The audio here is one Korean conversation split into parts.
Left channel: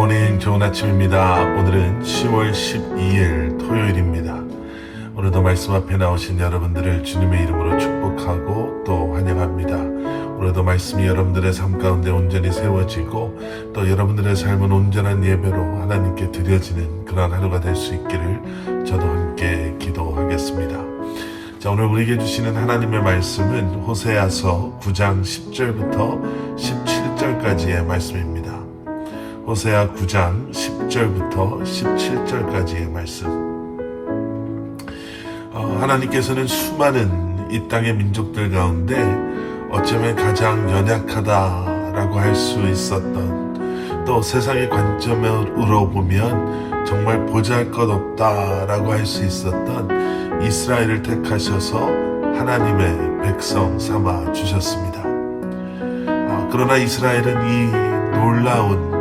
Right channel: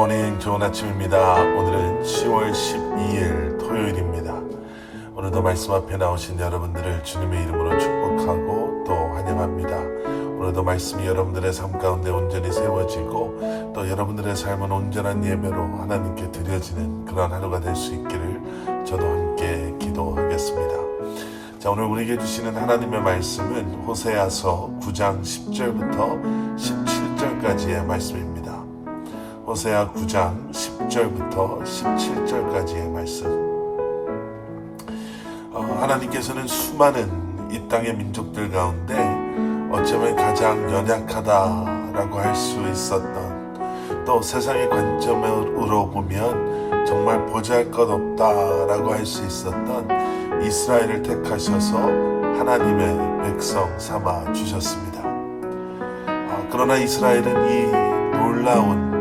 굿모닝, 좋은 아침입니다. 오늘은 10월 12일 토요일입니다. 오늘도 말씀 앞에 나오신 여러분들을 주님의 이름으로 축복하고 또 환영합니다. 오늘도 말씀이 여러분들의 삶 가운데 온전히 세워지고 또 여러분들의 삶은 온전한 예배로 하나님께 드려지는 그런 하루가 될 수 있기를 저도 함께 기도하겠습니다. 자, 오늘 우리에게 주시는 하나님의 말씀은 호세아서 9장 10절부터 17절까지의 말씀입니다. 호세아 9장 10절부터 17절까지의 말씀. 하나님께서는 수많은 이 땅의 민족들 가운데 어쩌면 가장 연약하다라고 할 수 있었던, 또 세상의 관점으로 보면 정말 보잘것없다라고 할 수 있었던 이스라엘을 택하셔서 하나님의 백성 삼아 주셨습니다. 그러나 이스라엘은 이 놀라운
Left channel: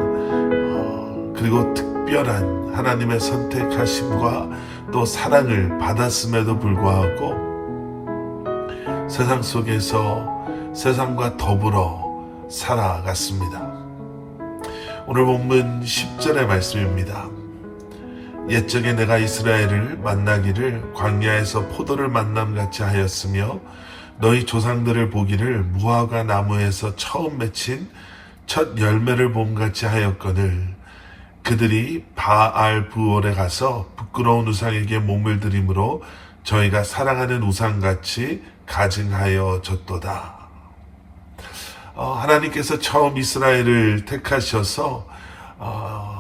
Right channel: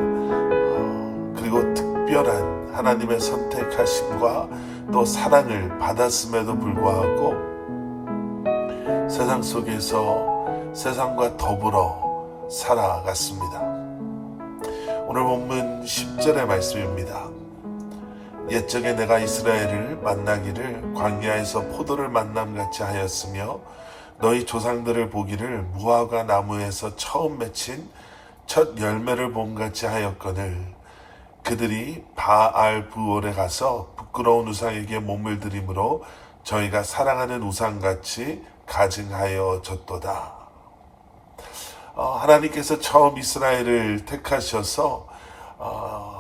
그리고 특별한 하나님의 선택하심과 또 사랑을 받았음에도 불구하고 세상 속에서 세상과 더불어 살아갔습니다. 오늘 본문 10절의 말씀입니다. 옛적에 내가 이스라엘을 만나기를 광야에서 포도를 만남같이 하였으며 너희 조상들을 보기를 무화과 나무에서 처음 맺힌 첫 열매를 봄같이 하였거늘 그들이 바알 부올에 가서 부끄러운 우상에게 몸을 들임으로 저희가 사랑하는 우상같이 가증하여 졌도다. 하나님께서 처음 이스라엘을 택하셔서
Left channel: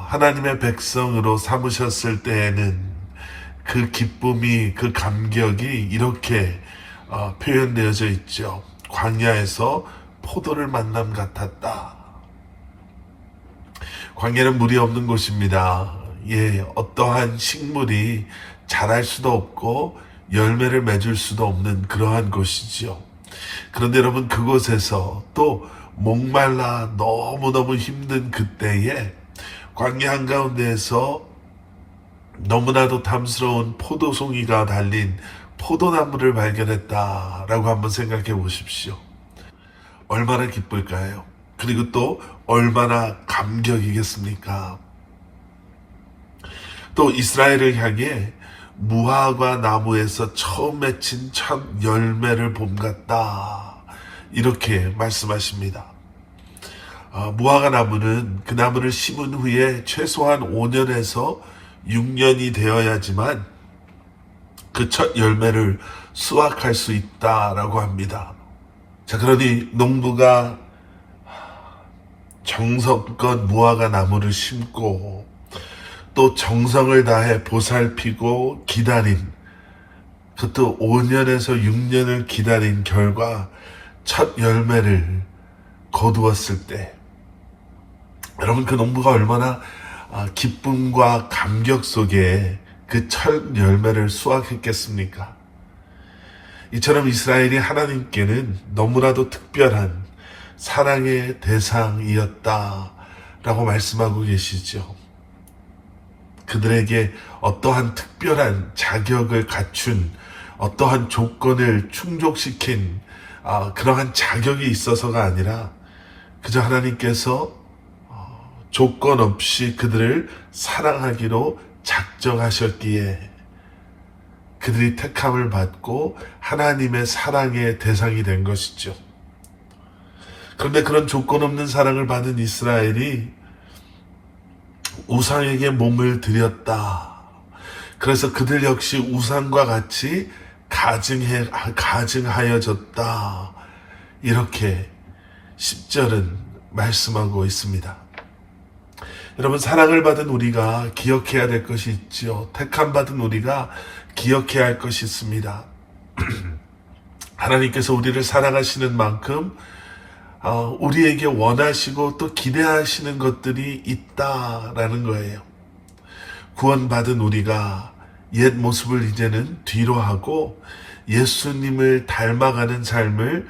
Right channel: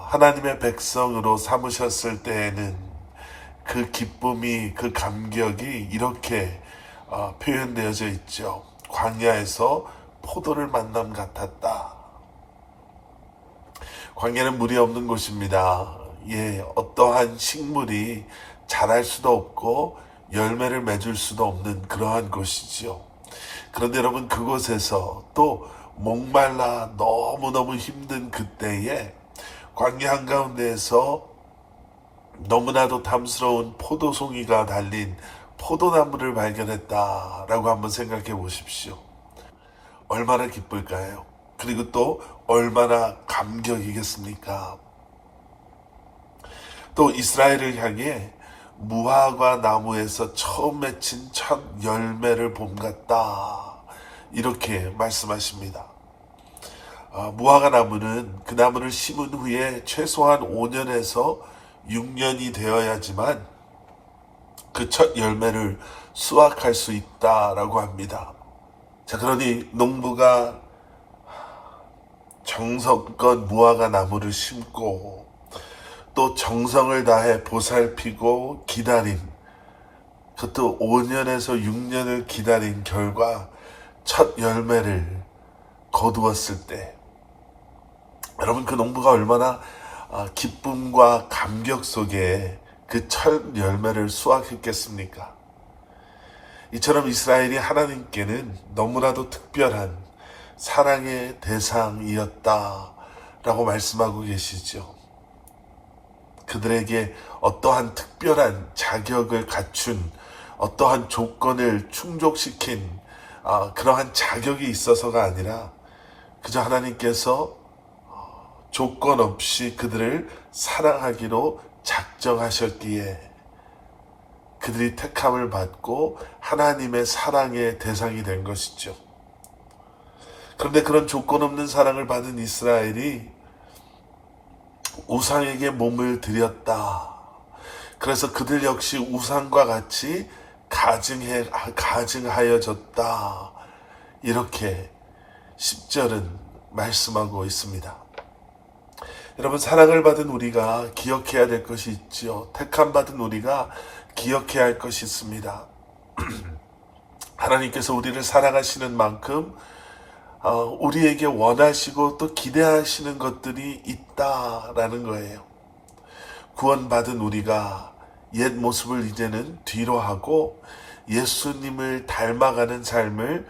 하나님의 백성으로 삼으셨을 때에는 그 기쁨이, 그 감격이 이렇게 표현되어져 있죠. 광야에서 포도를 만남 같았다. 광야는 물이 없는 곳입니다. 어떠한 식물이 자랄 수도 없고 열매를 맺을 수도 없는 그러한 곳이지요. 그런데 여러분, 그곳에서 또 목말라 너무너무 힘든 그때에 광야 한가운데에서 너무나도 탐스러운 포도송이가 달린 포도나무를 발견했다라고 한번 생각해 보십시오. 얼마나 기쁠까요? 그리고 또 얼마나 감격이겠습니까? 또 이스라엘을 향해 무화과 나무에서 처음 맺힌 첫 열매를 봄같다, 이렇게 말씀하십니다. 무화과 나무는 그 나무를 심은 후에 최소한 5년에서 6년이 되어야지만 그 첫 열매를 수확할 수 있다라고 합니다. 자, 그러니 농부가 정성껏 무화과 나무를 심고 또 정성을 다해 보살피고 기다린, 그것도 5년에서 6년을 기다린 결과 첫 열매를 거두었을 때, 여러분, 그 농부가 얼마나 기쁨과 감격 속에 그 첫 열매를 수확했겠습니까? 이처럼 이스라엘이 하나님께는 너무나도 특별한 사랑의 대상이었다라고 말씀하고 계시죠. 그들에게 어떠한 특별한 자격을 갖춘, 어떠한 조건을 충족시킨 그러한 자격이 있어서가 아니라 그저 하나님께서 조건 없이 그들을 사랑하기로 작정하셨기에 그들이 택함을 받고 하나님의 사랑의 대상이 된 것이죠. 그런데 그런 조건 없는 사랑을 받은 이스라엘이 우상에게 몸을 들였다. 그래서 그들 역시 우상과 같이 가증하여졌다. 이렇게 10절은 말씀하고 있습니다. 여러분, 사랑을 받은 우리가 기억해야 될 것이 있지요. 택함 받은 우리가 기억해야 할 것이 있습니다. 하나님께서 우리를 사랑하시는 만큼 우리에게 원하시고 또 기대하시는 것들이 있다라는 거예요. 구원받은 우리가 옛 모습을 이제는 뒤로 하고 예수님을 닮아가는 삶을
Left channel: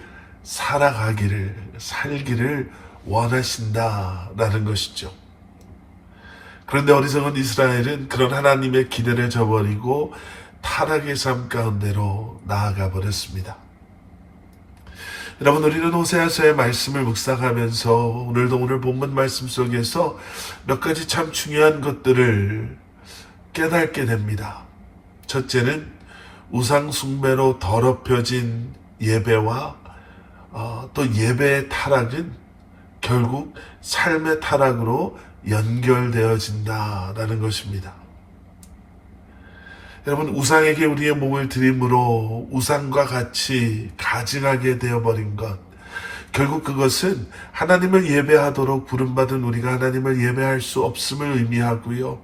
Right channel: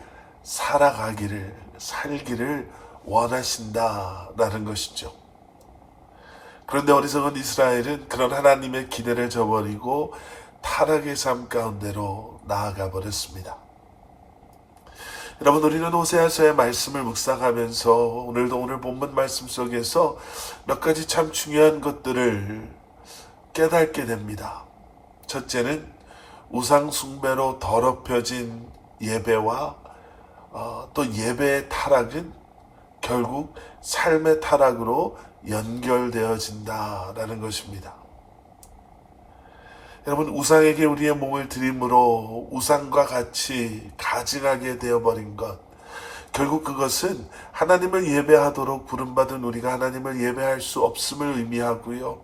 살기를 원하신다라는 것이죠. 그런데 어리석은 이스라엘은 그런 하나님의 기대를 저버리고 타락의 삶 가운데로 나아가 버렸습니다. 여러분, 우리는 호세아서의 말씀을 묵상하면서 오늘도 오늘 본문 말씀 속에서 몇 가지 참 중요한 것들을 깨닫게 됩니다. 첫째는 우상 숭배로 더럽혀진 예배와 또 예배의 타락은 결국 삶의 타락으로 연결되어진다라는 것입니다. 여러분, 우상에게 우리의 몸을 드림으로 우상과 같이 가증하게 되어버린 것, 결국 그것은 하나님을 예배하도록 부름받은 우리가 하나님을 예배할 수 없음을 의미하고요.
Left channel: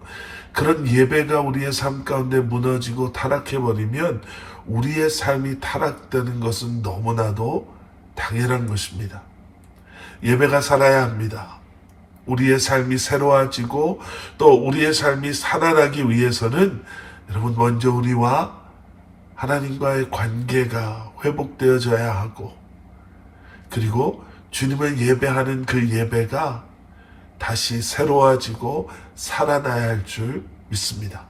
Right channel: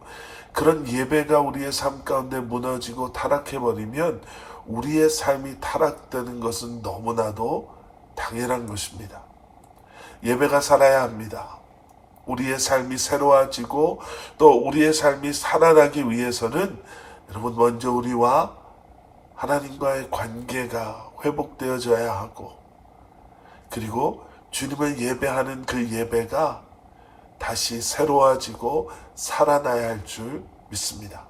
그런 예배가 우리의 삶 가운데 무너지고 타락해버리면 우리의 삶이 타락되는 것은 너무나도 당연한 것입니다. 예배가 살아야 합니다. 우리의 삶이 새로워지고 또 우리의 삶이 살아나기 위해서는 여러분, 먼저 우리와 하나님과의 관계가 회복되어져야 하고, 그리고 주님을 예배하는 그 예배가 다시 새로워지고 살아나야 할 줄 믿습니다.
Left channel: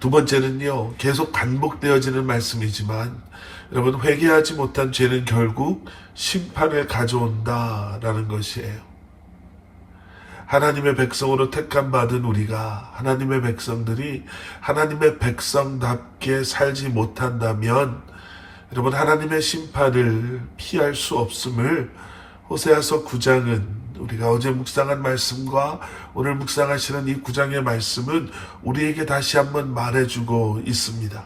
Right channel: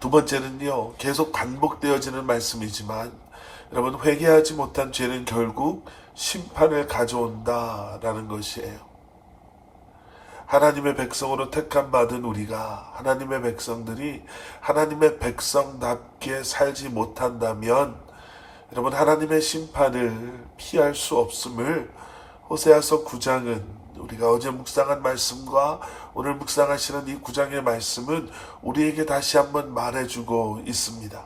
두 번째는요, 계속 반복되어지는 말씀이지만 여러분, 회개하지 못한 죄는 결국 심판을 가져온다라는 것이에요. 하나님의 백성으로 택함 받은 우리가, 하나님의 백성들이 하나님의 백성답게 살지 못한다면 여러분, 하나님의 심판을 피할 수 없음을 호세아서 9장은, 우리가 어제 묵상한 말씀과 오늘 묵상하시는 이 9장의 말씀은 우리에게 다시 한번 말해주고 있습니다.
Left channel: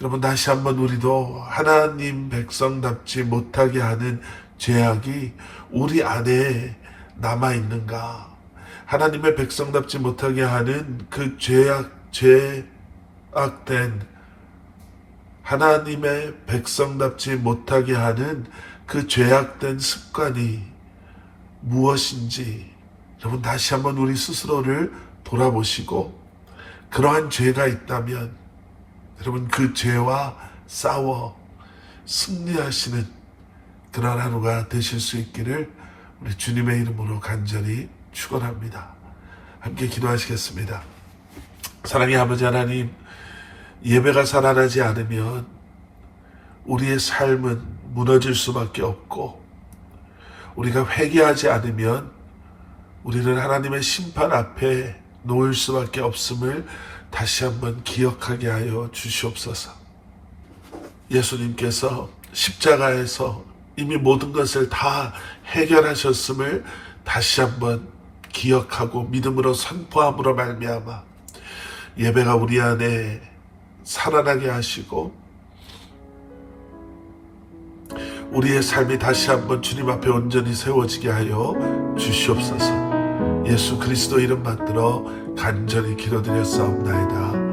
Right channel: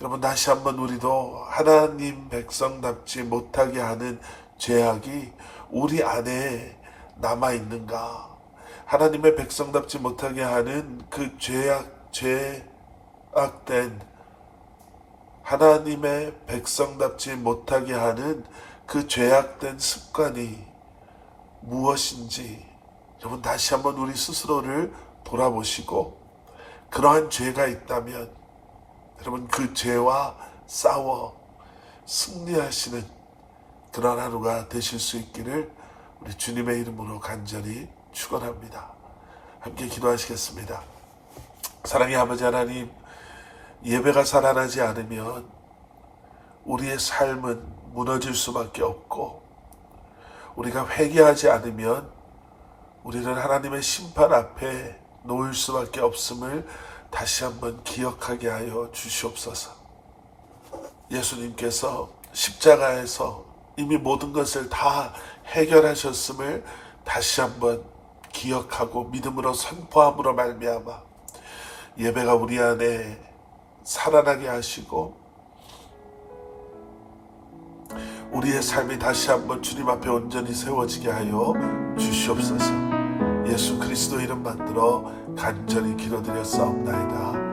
여러분, 다시 한번 우리도 하나님 백성답지 못하게 하는 죄악이 우리 안에 남아있는가? 하나님의 백성답지 못하게 하는 그 죄악된 하나님의 백성답지 못하게 하는 그 죄악된 습관이 무엇인지 여러분, 다시 한번 우리 스스로를 돌아보시고, 그러한 죄가 있다면 여러분, 그 죄와 싸워 승리하시는 그런 하루가 되실 수 있기를 우리 주님의 이름으로 간절히 축원합니다. 함께 기도하시겠습니다. 사랑의 아버지 하나님, 예배가 살아나지 않으면 우리의 삶은 무너질 수밖에 없고, 우리가 회개하지 않으면 우리는 하나님의 심판 앞에 놓일 수밖에 없음을 다시 한번 기억하게 하여 주시옵소서. 예수님께서 십자가에서 이미 모든 것을 다 해결하셨음을 다시 한번 기억하고 믿음으로 선포함으로 말미암아 예배가 우리 안에 살아나게 하시고, 우리의 삶이 다시 한번 주님 앞에 온전히 세워지게 하여 주시옵소서. 예수 그리스도 이름 받들어 간절히 기도드렸사옵나이다.